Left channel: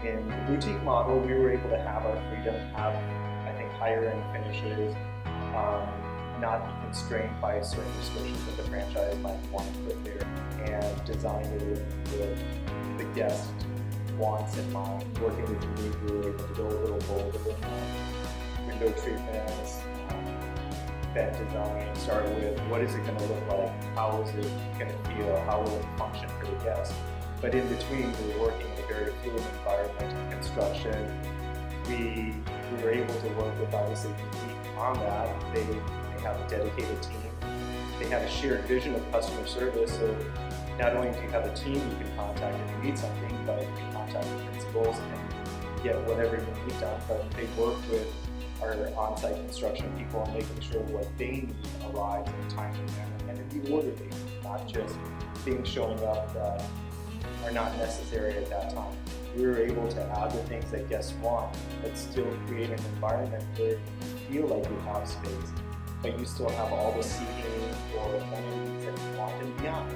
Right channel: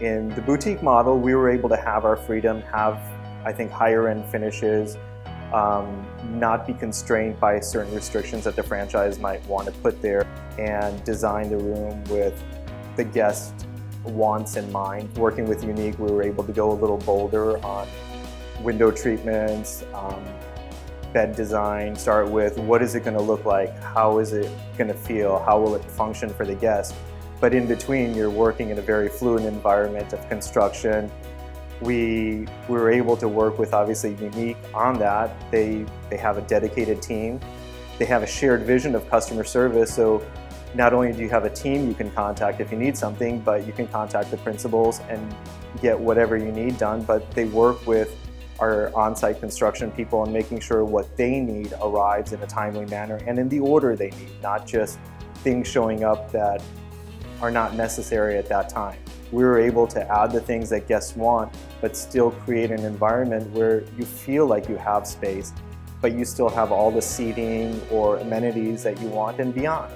In the boutique model, we were able to have our freedom, have, I think, higher end finishes, um, not be constrained by certain restrictions that the franchise might want to put there, and design the room with the guest wants in mind. Working with UNIIK, we were able to go a little bolder on window treatments, bed design, start with what is it going to look like, how is it going to feel, how will it function for the guest. But in between, you're working in a very fluid environment of construction. We were able to work with, obviously, UNIIK on that. They have a dedicated team. They have a shared vision of customer service, so not only do you have a team you can contact if you need something, but you can contact the principals and get whatever you need done. But they work with our on-site construction people and making sure what they need arrives in a timely manner and in the order they need, not just things showing up that are not necessary at that time. We were able to add the things that guests want, but still create an environment where you feel like you have space, but you still have all the seating or amenities that you want and beyond.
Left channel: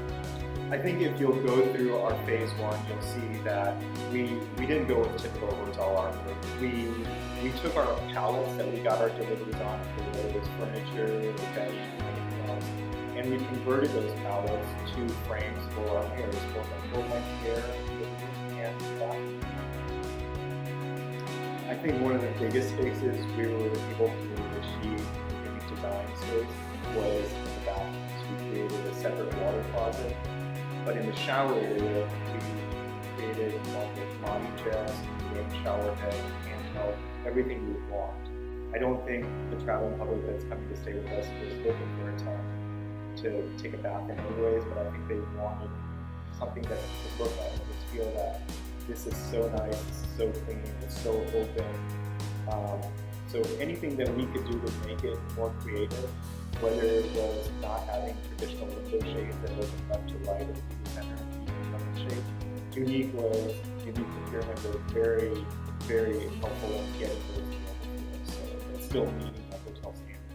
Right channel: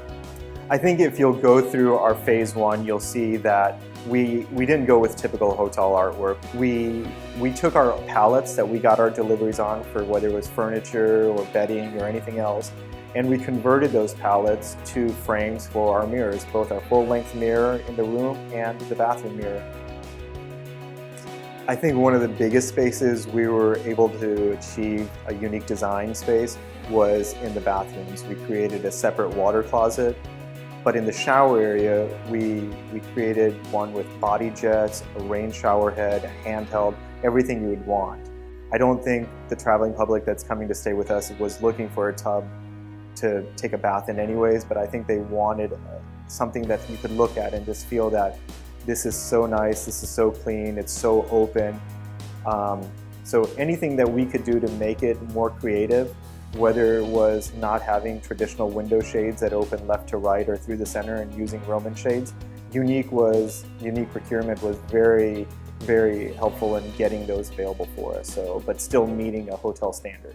I think if you'll go through our phase one, you'll see that we didn't go with typical hotel artwork. We took our pallets that we got our deliveries on for whether it was furniture or bedding or anything else, and we converted those pallets to frames for our mirrors, both our full-length mirror in the room and the bathroom mirror. I think one of the biggest spaces we were able to achieve a unique design space was in the bathrooms. We created a separate water closet, but in the shower area, we created one with body jets, a rain shower head, a handheld, everything you would want. I don't think the traveling public that's coming to stay with us was looking for a tub to take a bath in anyways, but I think they wanted something that you could look at and just feel that this is so nice, this is so clean, it's so open. So anything that we could do to make it more creative, whether it was not having traditional window shades that open left to right or through the center and using Roman shades, UNIIK procurement was very, very helpful in getting those available for us, but still meeting a hotel standard.